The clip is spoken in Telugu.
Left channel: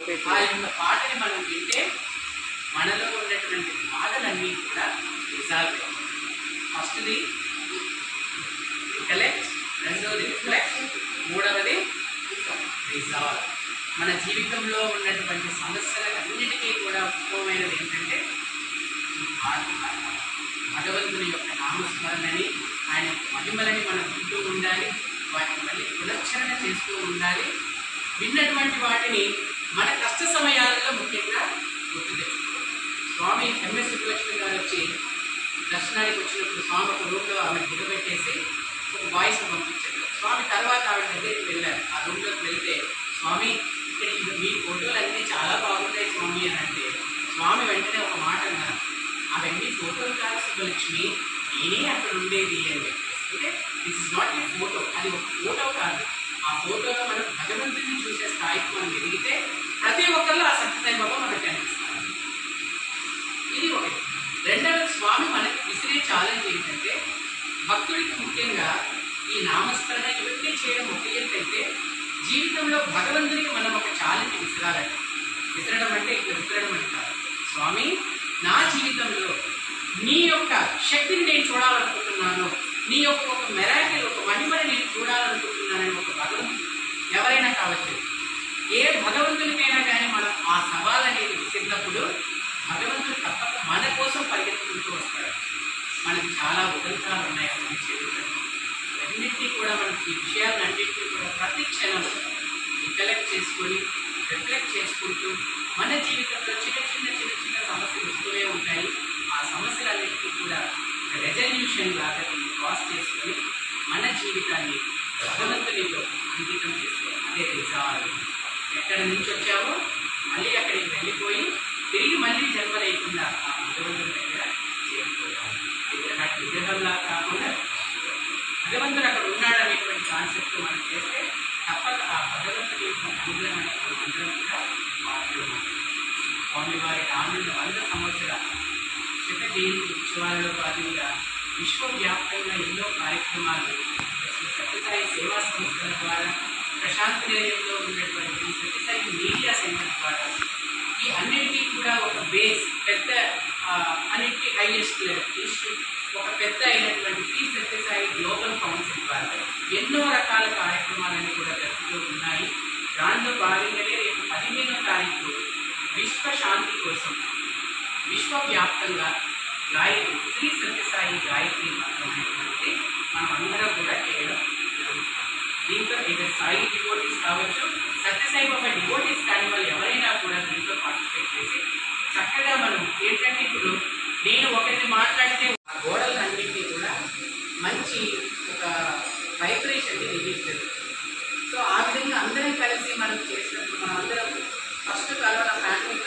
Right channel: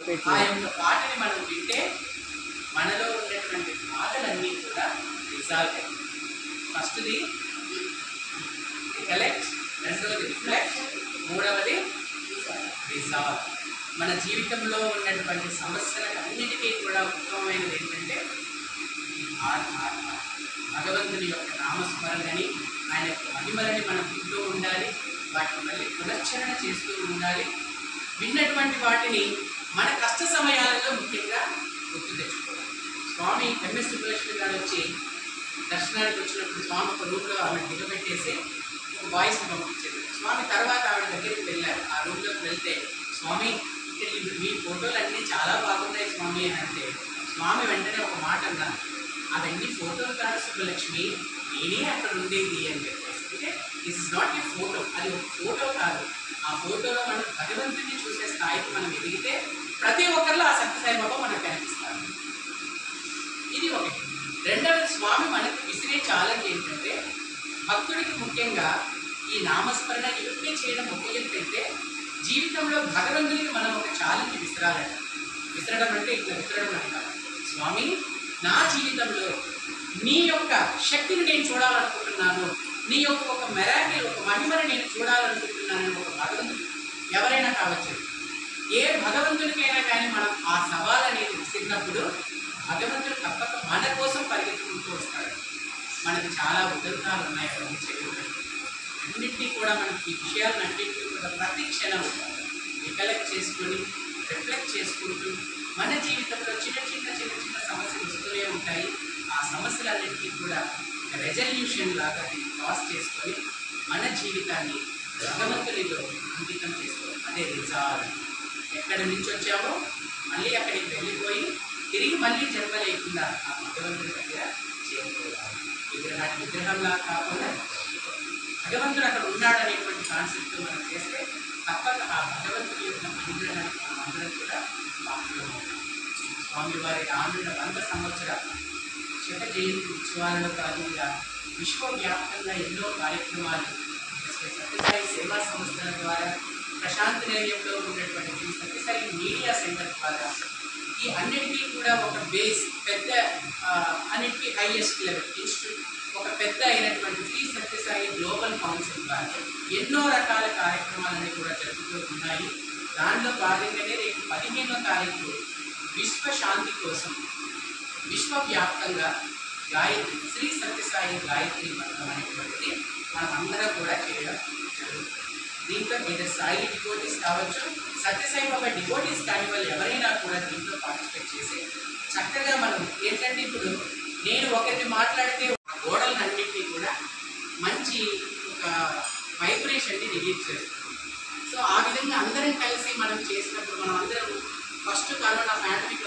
ఆ యొక్క పాటని మనం వింటే మనలో ఉన్నటువంటి బాధలన్నీ కూడా రిజాల్వ్ అయ్యాయి. ఫస్ట్ది రికలెక్ట్, రెండోది రిఫ్లెక్ట్, మూడవది రిజాల్వ్. మన జీవితంలో ఉన్నటువంటి సమస్యలన్నిటికీ కూడా ఉత్తమమైనది ఏంటంటే భగవంతుని యొక్క నామస్మరణని, ఆయన యొక్క మహిమలని మనం వింటూ ఉండాలి, వాటిని మళ్ళీ పునశ్చరణ చేస్తూ ఉండాలి. విన్నటువంటి వాటిని మన కష్ట సమయాలలో ముఖ్యంగా గుర్తు తెచ్చుకోవాలి. స్వామి ఎంఎస్ సుబ్బలక్ష్మి గారు వచ్చి దర్శనానికి వచ్చినప్పుడు స్వామి ఒక రూమ్లో ఆవిడ దిగబెట్టేసి ఒక వాయిస్ పంపించారు. స్వామి తర్వాత ఆవిడ దగ్గరికి వెళ్ళారు. ఆ రూమ్లోకి వెళ్తే స్వామి ఇక్కడ మీ ఫోటోలు అన్నీ చాలా బాగున్నాయి స్వామి అని అంటే స్వామి వెంటనే ఒక మాట అన్నారు, అవన్నీ ఫోటోలు కాదు సుబ్బలక్ష్మి, నేనే అక్కడ ఉండేది అని చెప్పేసి. అంటే this is not a photo, అది ఒక ఫోటో కాదు. ఆ ఫోటోలో మనం భగవంతుడిని చూసే స్థాయికి మనం ఎదిగితే ప్రతి ఒక్కరిలో ఆ సత్యసాయి బాబా మనకు కనిపిస్తారు. ఇది ఒకటి. రెండవది, స్వామి మనకు విసిరే ఛాలెంజ్ ఏంటంటే భక్తుడికి ముఖ్యంగా ఈ నామస్మరణ ఇవన్నీ చేయడం ఒక ఎత్తు అయితే జీవితంలో భగవంతునికి మనం ఒక ఛాలెంజ్ విసిరాలంట. విసరడం అంటే ఇట్లా విసరడం అని కాదు, స్వామి నా జీవితంలో నీ యొక్క శక్తిని నేను చూడాలనుకుంటున్నాను, నీ యొక్క ఒక మెరాకిల్, ఒక మహిమని నేను చూడాలనుకుంటున్నానని ఒక భగవంతుడు ఎవరైనా కావచ్చు, ఏ భగవంతునికైనా కానీ మనం ఆ సవాల్ అనేది విసిరినప్పుడు భగవంతుడు తప్పక మన కోసం పరిగెత్తుకుంటూ వస్తాడు. మనకి చాలా ఉదంతాలు ఉన్నాయి అవన్నీ చేయడానికి. అన్నింటినీ కూడా మనకి ఈ విషయాలన్నింటినీ కూడా ప్రతి క్షణం రికలెక్ట్ చేసుకొని రిఫ్లెక్ట్ చేసుకుంటూ మన జీవితంలో చిన్న చిన్న చిన్న చిన్న సమస్యలు వస్తూనే ఉంటాయి. ఆ సమస్యలన్నింటినీ కూడా రెజల్యూషన్ లాగా క్రాస్ చేసుకొని మన జీవితాన్ని భగవంతునిలో అంకితం చేసుకోవాలి. అదే రిజాల్వ్. ఎక్కడి నుంచి వచ్చామో మళ్ళీ అక్కడికి వెళ్ళిపోయి తిరిగి మళ్ళీ జన్మ లేకుండా ఆ భగవంతుని దగ్గర చేరిపోయాలి. విగ్రహంలా కాకుండా భగవంతుడు అక్కడ ఉన్నాడు అనేటువంటి కాన్సెప్ట్తో మనం చేస్తే తప్పక ఆ భగవంతుడి యొక్క అనుగ్రహాన్ని మనం అందరం కూడా పాల్గొన్నాం. స్వామివారి రానున్న 100 సంవత్సరాల శత జయంతి ఉత్సవాలలో భాగంగా విశ్వవ్యాప్తంగా ఎన్నో కార్యక్రమాలు సత్యసాయి సేవా సంస్థల ద్వారా, ప్రశాంత్ నిలయంలో ఉన్నటువంటి సత్యసాయి మీడియా సెంటర్ ద్వారా ఈ అన్నిటికీ కూడా ఒక బేస్ పెద్ద అన్నిటికీ హైయెస్ట్ లెవెల్ ఇన్స్టిట్యూట్ ఒక పెద్ద అయినటువంటి శ్రీ సత్యసాయి గ్లోబల్ కౌన్సిల్ ద్వారా ఎన్నో రకాల కార్యక్రమాలన్నీ కూడా జరుగుతూ ఉన్నాయి. దానిలో భాగంగానే రేపు 15వ తారీఖు విశ్వశాంతి కోసం విశ్వవ్యాప్తంగా గాయత్రి శ్రీ సత్యసాయి గాయత్రి మంత్రం అనేటువంటిది మనం అందరం కూడా చేయడం జరుగుతుంది. దీంతో ఇది సాయి డివోటీస్ కావచ్చు, సత్యసాయి బాబా డివోటీస్ కాని వాళ్ళు ఎవరైనా కూడా దీంట్లో పార్టిసిపేట్ చేసి చక్కగా మనం ఏంటంటే ఇప్పుడు నేను ఒకరిని మాట్లాడితే ఆ గోడలన్నింటినీ కూడా మంచి ఒక వైబ్రేషన్ని రిలీజ్ చేస్తుంది. సో ఆ విధంగా అందరం కలిసి మనం చేసినప్పుడు మనం అందరం ఫస్ట్ కరోనా పాండమిక్